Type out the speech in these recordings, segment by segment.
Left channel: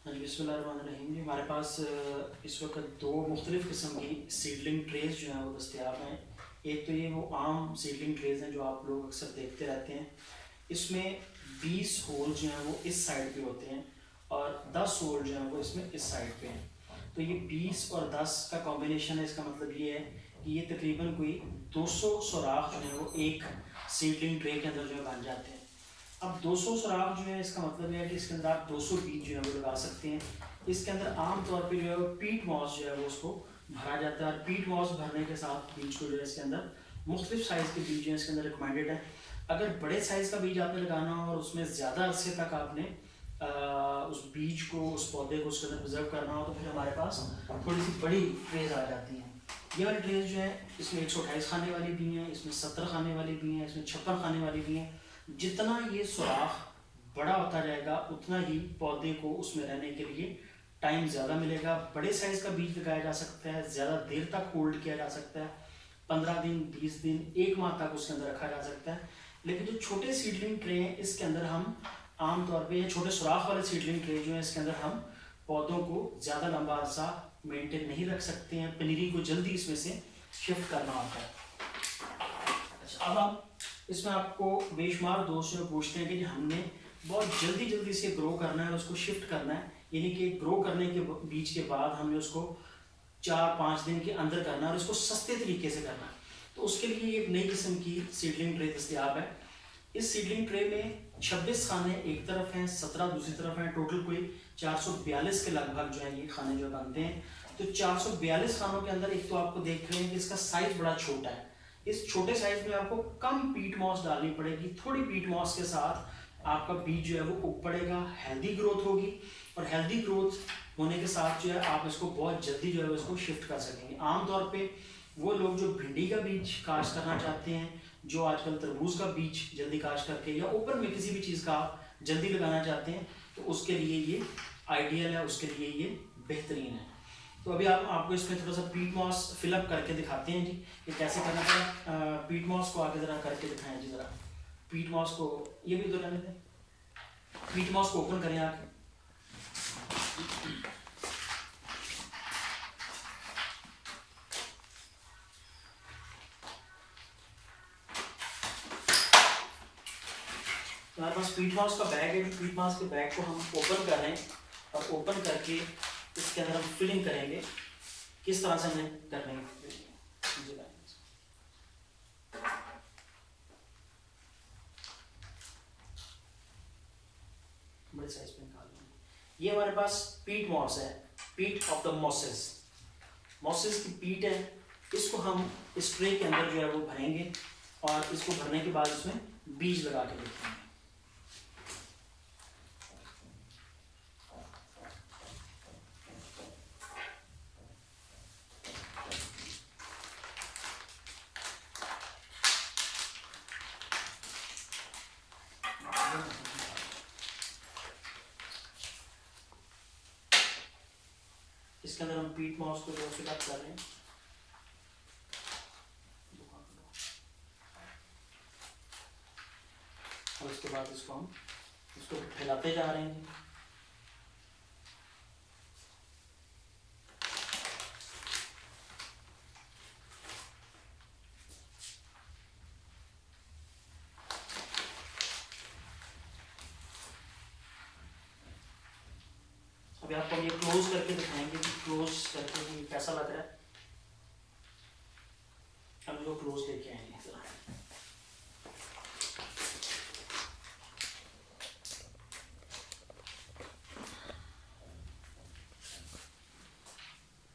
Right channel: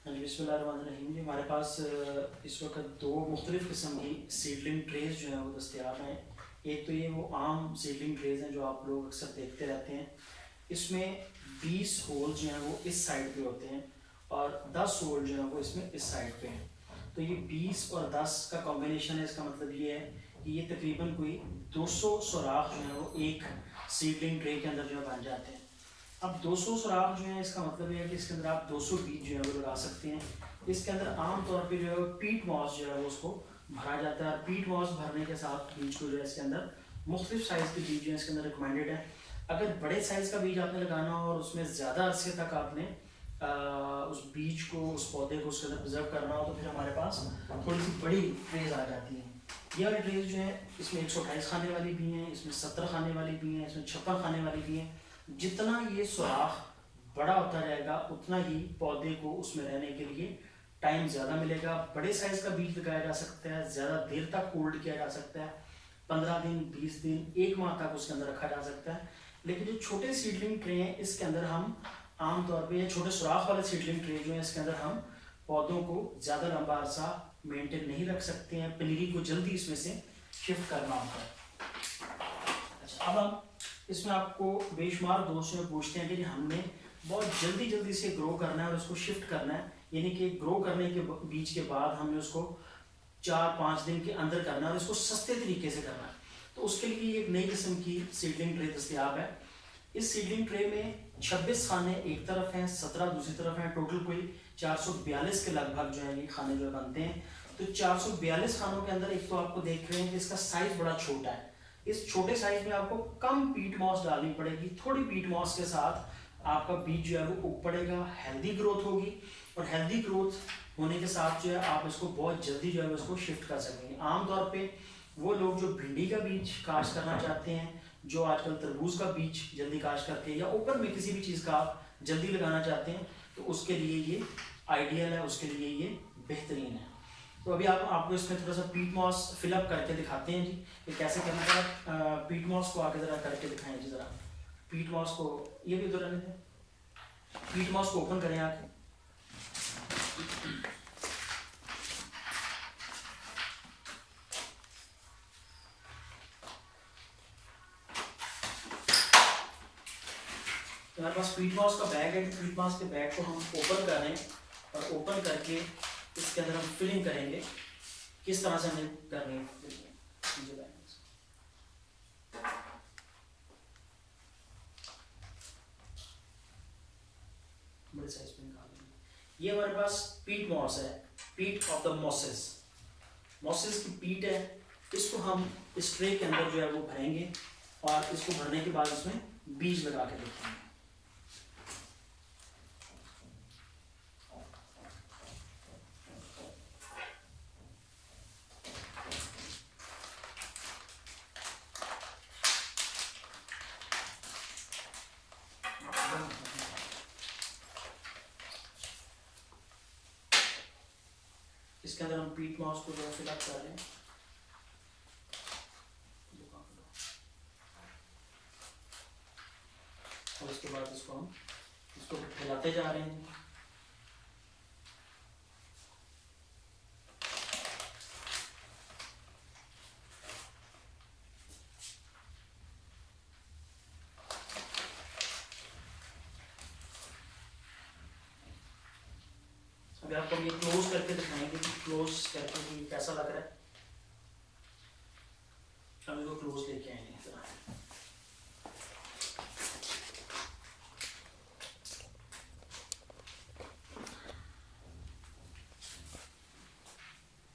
बिस्मिल्लाहिर्रहमानिर्रहीम जी, हमारे पास इस वक्त दो मुख्तलिफ़ किस्म की सीडलिंग ट्रेज़ जो हैं वो दस्तियाब हैं। एक तो ये वो आम सीडलिंग ट्रेज़ हैं जो आप लोग अक्सर देखते रहते हैं। इसमें 20 होल जो हैं वो इस साइड पे होते हैं और 10 होल जो हैं वो इसमें इस साइड पे हैं। तो ये 20 और 10 का कॉम्बिनेशन है। इसका मतलब ये है कि ये तकरीबन कोई 200 सुराख जो है वो एक सीडलिंग ट्रे के अंदर जो है बन जाते हैं। अब 200 सुराख जो है, इसका मतलब ये है कि इसके अंदर आप 200 बीज जो है वो लगा सकते हैं। इसके अंदर आमतौर पे जो है पीट मॉस जो है वो उसको भरा जाता है। पीट मॉस भरने के साथ बीज को जो है इसके अंदर मुख्तलिफ साइज़ के बीज जो है इसके अंदर रिकमेंडेड है। अगर बड़े साइज़ का बीज आपने लगाना हो और उसमें ज़्यादा अरसे तक आपने उस बीज को, उस पौधे को उसके अंदर प्रिजर्व करना हो, तो फिर हमारे पास थोड़ी सी बड़ी ट्रेज आ जाती हैं। ये वाली ट्रेज जो है इसमें 128 खाने वाली भी हैं, इसमें 70 खाने वाली भी हैं, इसमें 56 खाने वाली भी हैं। जितना ये सुराख बड़ा होता जाएगा उतना ही पौधे को उसमें रहने के लिए टाइम ज़्यादा मिलेगा। बड़े साइज़ का बीज लगाया जा सकता है, ज़्यादा देर तक होल्ड किया जा सकता है, 15 दिन, 20 दिन, 1 माह तक उसके अंदर रखा जा सकता है। लेकिन जो छोटे सीडलिंग ट्रे हैं इसके अंदर हम आमतौर पे, छोटे सुराख वाले सीडलिंग ट्रे जो है इसके अंदर हम पौधों को ज़्यादा लंबा अरसा मेंटेन नहीं रख सकते हैं। पनीरी को जल्दी इसमें से शिफ्ट करना होता है। अच्छा, अब हम इसमें आपको बेशुमार दोस्त पूछते हैं कि हमने बहुत जल्दी जल्दी से ग्रो करना है और उसको शिफ्ट करना है, यानी कि ग्रो करने के बीच के बाद हमने उसको 4-5 दिन के अंदर करना है और इसको सस्ते तरीके से करना है। तो उसके लिए एक नई किस्म की सीडलिंग ट्रे दस्तयाब है। इस सीडलिंग ट्रे में 26 खाने एक तरफ हैं, 17 दूसरी तरफ हैं। टोटल कोई 442 के लगभग जो है ये खाने जो बनते हैं। तो 442 खानों के अंदर एक तो आपको देख रहे हैं कि इसका साइज बड़ा छोटा है। इस छोटे साइज में आपको कम पीट मॉस डालनी पड़ेगी। थोड़ी पीट मॉस के साथ आपका बीज जो है वो उग पड़ेगा, हेल्दी ग्रोथ होगी और हेल्दी ग्रोथ होने के साथ जो है आप इसको बहुत जल्दी जो है इसको शिफ्ट कर सकेंगे। आमतौर पे वो लोग जो भिंडी का बीज काश्त करना चाहते हैं, जो आजकल तरबूज का बीज जल्दी काश्त करके या ओपन में किसी भी चीज़ का आप जल्दी लगाना चाहते हैं, तो उसके लिए ये आइडियल है, उसके लिए ये बेहतरीन है। तो अभी आपको इसमें थोड़ा सा पीट मॉस फिलअप करके दिखाते हैं जी, ये कैसे करना है। पीट मॉस को आगे ज़रा करके दिखाएं जी, ज़रा पीट मॉस को, ये भी उधर रहने दें। पीट मॉस को ओपन करें आके। हमारे पास पीट मॉस का बैग है। पीट मॉस के बैग को हम ओपन कर रहे हैं और ओपन करके इसके अंदर हम फिलिंग करेंगे। किस तरह से हमें करनी है, बड़े साइज पे निकालेंगे। ये हमारे पास पीट मॉस है, पीट ऑफ द मॉसेस। मॉसेस की पीट है। इसको हम इस ट्रे के अंदर जो है वो भरेंगे और इसको भरने के बाद इसमें बीज लगा के रखेंगे। इसके अंदर हम पीट मॉस को जो फिलअप कर रहे हैं। और इसके बाद इसको हम फैलाते जा रहे हैं। अभी आपको ये क्लोज करके दिखाएंगे, क्लोज करके कैसा लग रहा है। हम इसको क्लोज लेके आएंगे।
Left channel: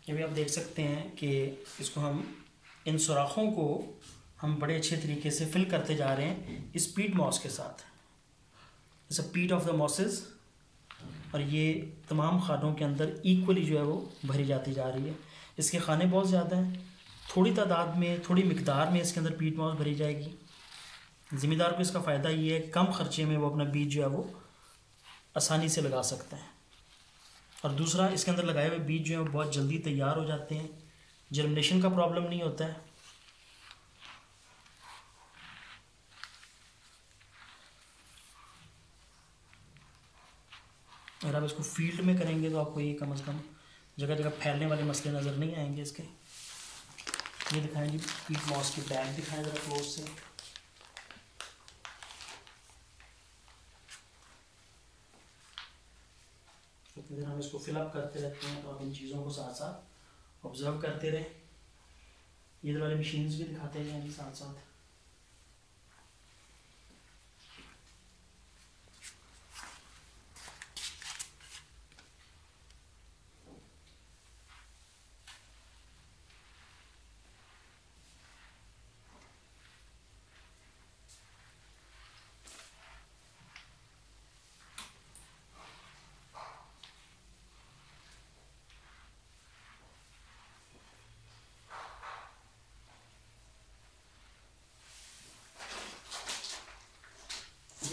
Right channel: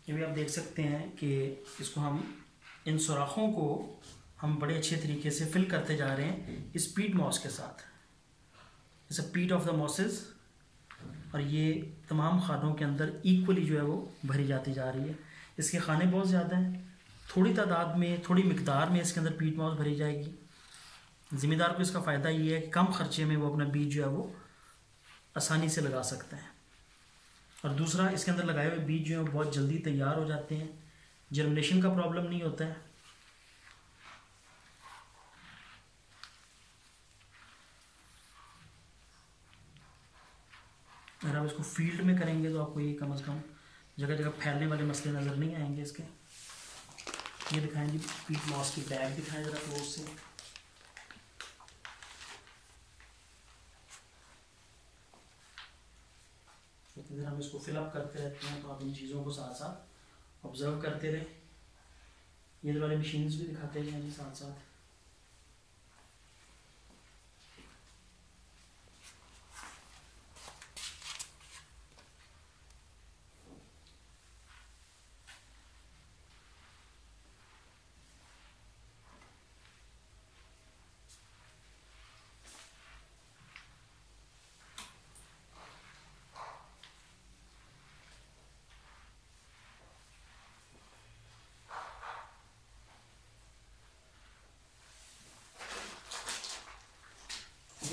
अभी आप देख सकते हैं कि इसको हम, इन सुराखों को हम बड़े अच्छे तरीके से फिल करते जा रहे हैं इस पीट मॉस के साथ। इट्स अ पीट ऑफ द मॉसेस। और ये तमाम खानों के अंदर इक्वली जो है वो भरी जाती जा रही है। इसके खाने बहुत ज़्यादा हैं, थोड़ी तादाद में, थोड़ी मिकदार में इसके अंदर पीट मॉस भरी जाएगी। ज़िम्मेदार को इसका फ़ायदा ये है कम ख़र्चे में वो अपना बीज जो है वो आसानी से लगा सकते हैं। और दूसरा, इसके अंदर लगाए हुए बीज जो है बहुत जल्दी तैयार हो जाते हैं, जर्मिनेशन का प्रॉब्लम नहीं होता है। अगर आप इसको फील्ड में करेंगे तो आपको ये कम से कम जगह जगह फैलने वाले मसले नज़र नहीं आएंगे इसके। ये दिखाएं जी पीट मॉस की बैग दिखाएं ज़रा क्लोज से। इतनी देर हम इसको फिलअप करते रहते हैं तो आप इन चीज़ों को साथ साथ ऑब्जर्व करते रहे। ये वाली मशीन्स भी दिखाते हैं जी साथ साथ।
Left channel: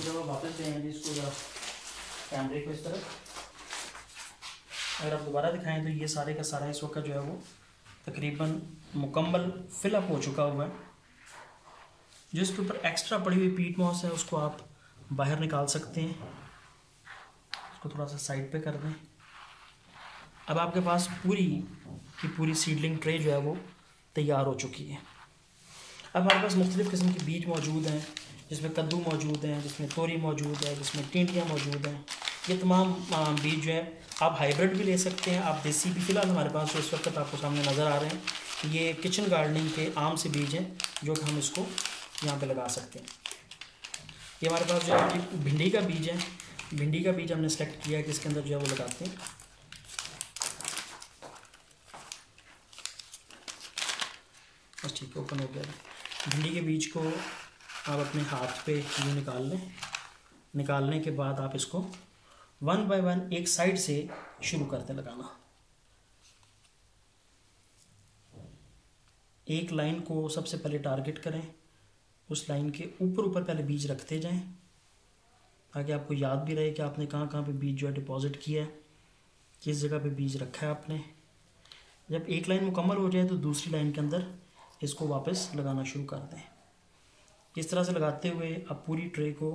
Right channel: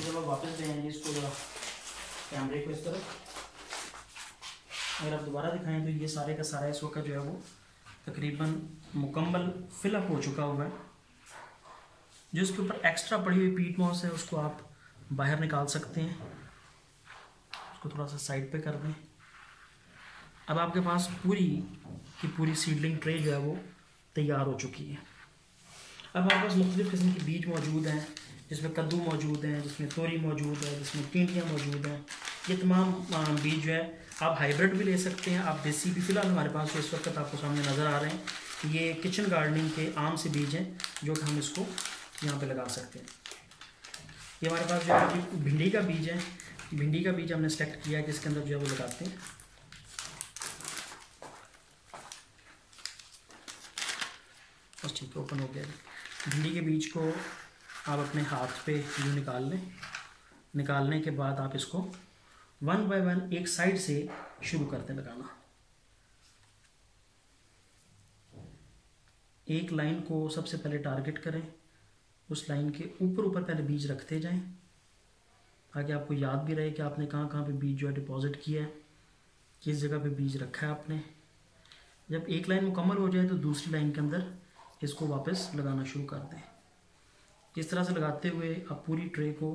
जब आप वापस ले आएंगे इसको जरा कैमरे को इस तरह, अगर आप दोबारा दिखाएं तो ये सारे का सारा इस वक्त जो है वो तकरीबन मुकम्मल फिलअप हो चुका हुआ है। जो इसके ऊपर एक्स्ट्रा पड़ी हुई पीट मॉस है उसको आप बाहर निकाल सकते हैं। उसको थोड़ा सा साइड पे कर दें। अब आपके पास पूरी की पूरी सीडलिंग ट्रे जो है वो तैयार हो चुकी है। अब हमारे पास मुख्तलिफ़ किस्म के बीज मौजूद हैं, जिसमें कद्दू मौजूद हैं, जिसमें तोरी मौजूद है, जिसमें टिंडियाँ मौजूद हैं। ये तमाम बीज जो है आप हाइब्रिड भी ले सकते हैं, आप देसी भी। फ़िलहाल हमारे पास जो इस वक्त आपको सामने नज़र आ रहे हैं ये किचन गार्डनिंग के आम से बीज हैं जो कि हम इसको यहाँ पे लगा सकते हैं। ये हमारे पास जो है भिंडी का बीज है। भिंडी का बीज हमने सेलेक्ट किया है कि इसके अंदर जो है वो लगाते हैं। बस ठीक है, ओपन हो गया। भिंडी के बीज को आप अपने हाथ पे यूँ निकाल लें। निकालने के बाद आप इसको 1 बाय 1 एक साइड से शुरू करते लगाना। एक लाइन को सबसे पहले टारगेट करें, उस लाइन के ऊपर ऊपर पहले बीज रखते जाएं ताकि आपको याद भी रहे कि आपने कहाँ कहाँ पे बीज जो है डिपॉजिट किया है, किस जगह पे बीज रखा है आपने। जब एक लाइन मुकम्मल हो जाए तो दूसरी लाइन के अंदर इसको वापस लगाना शुरू कर दें। इस तरह से लगाते हुए आप पूरी ट्रे को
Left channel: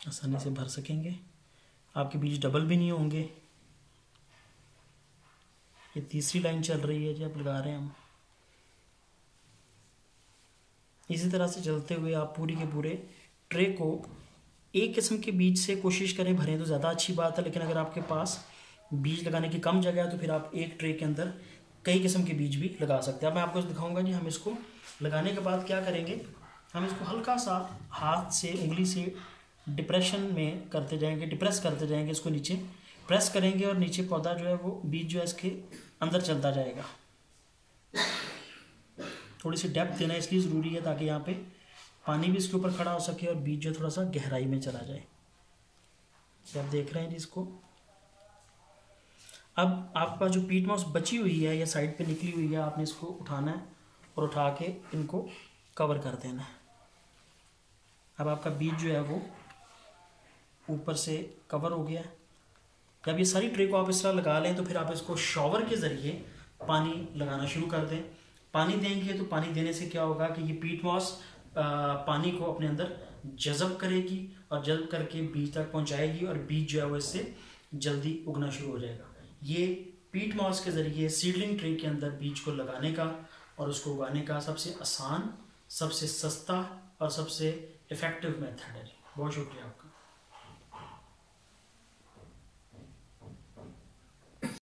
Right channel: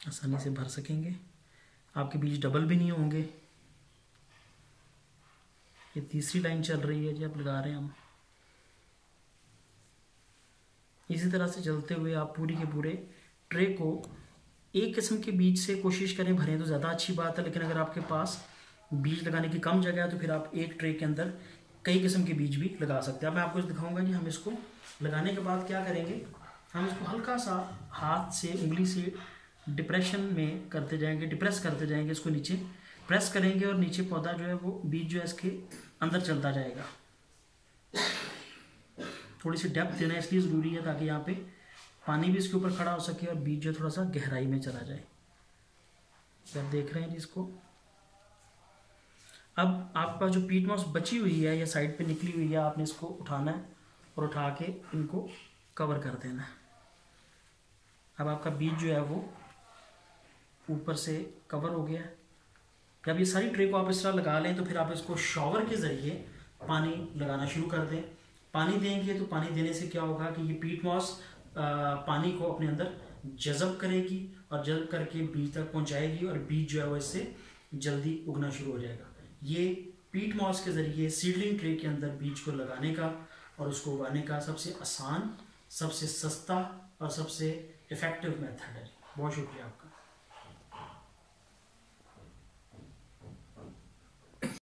आसानी से भर सकेंगे। आपके बीज डबल भी नहीं होंगे। ये तीसरी लाइन चल रही है जब लगा रहे हैं हम। इसी तरह से चलते हुए आप पूरी के पूरे ट्रे को एक किस्म के बीज से कोशिश करें भरें तो ज़्यादा अच्छी बात है। लेकिन अगर आपके पास बीज लगाने की कम जगह है तो फिर आप एक ट्रे के अंदर कई किस्म के बीज भी लगा सकते हैं। अब मैं आपको दिखाऊंगा जी हम इसको लगाने के बाद क्या करेंगे। हम इसको हल्का सा हाथ से उंगली से डिप्रेशन में करते जाएंगे, डिप्रेस करते जाएंगे। इसको नीचे प्रेस करेंगे और नीचे पौधा जो है वो बीज जो है इसके अंदर चलता जाएगा। थोड़ी सी डेप्थ देना इसलिए ज़रूरी है ताकि यहाँ पे पानी भी इसके ऊपर खड़ा हो सके और बीज जो थोड़ा सा गहराई में चला जाए। आप देख रहे हैं जी इसको। अब आपका जो पीट मॉस बची हुई है या साइड पे निकली हुई है, आपने इसको उठाना है और उठा के इनको कवर कर देना है। अब आपका बीज जो है वो ऊपर से कवर हो गया। जब ये सारी ट्रे को आप इस तरह लगा लें तो फिर आप इसको शॉवर के ज़रिए पानी लगाना शुरू कर दें। पानी देंगे तो पानी देने से क्या होगा कि ये पीट मॉस पानी को अपने अंदर जज़ब करेगी और जज़ब करके बीज तक पहुंचाएगी और बीज जो है वो इससे जल्दी उगना शुरू हो जाएगा। ये पीट मॉस के ज़रिए सीडलिंग ट्रे के अंदर बीज को लगाने का और उसको उगाने का सबसे आसान, सबसे सस्ता और सबसे इफ़ेक्टिव मेथड है। बहुत शुक्रिया आपका।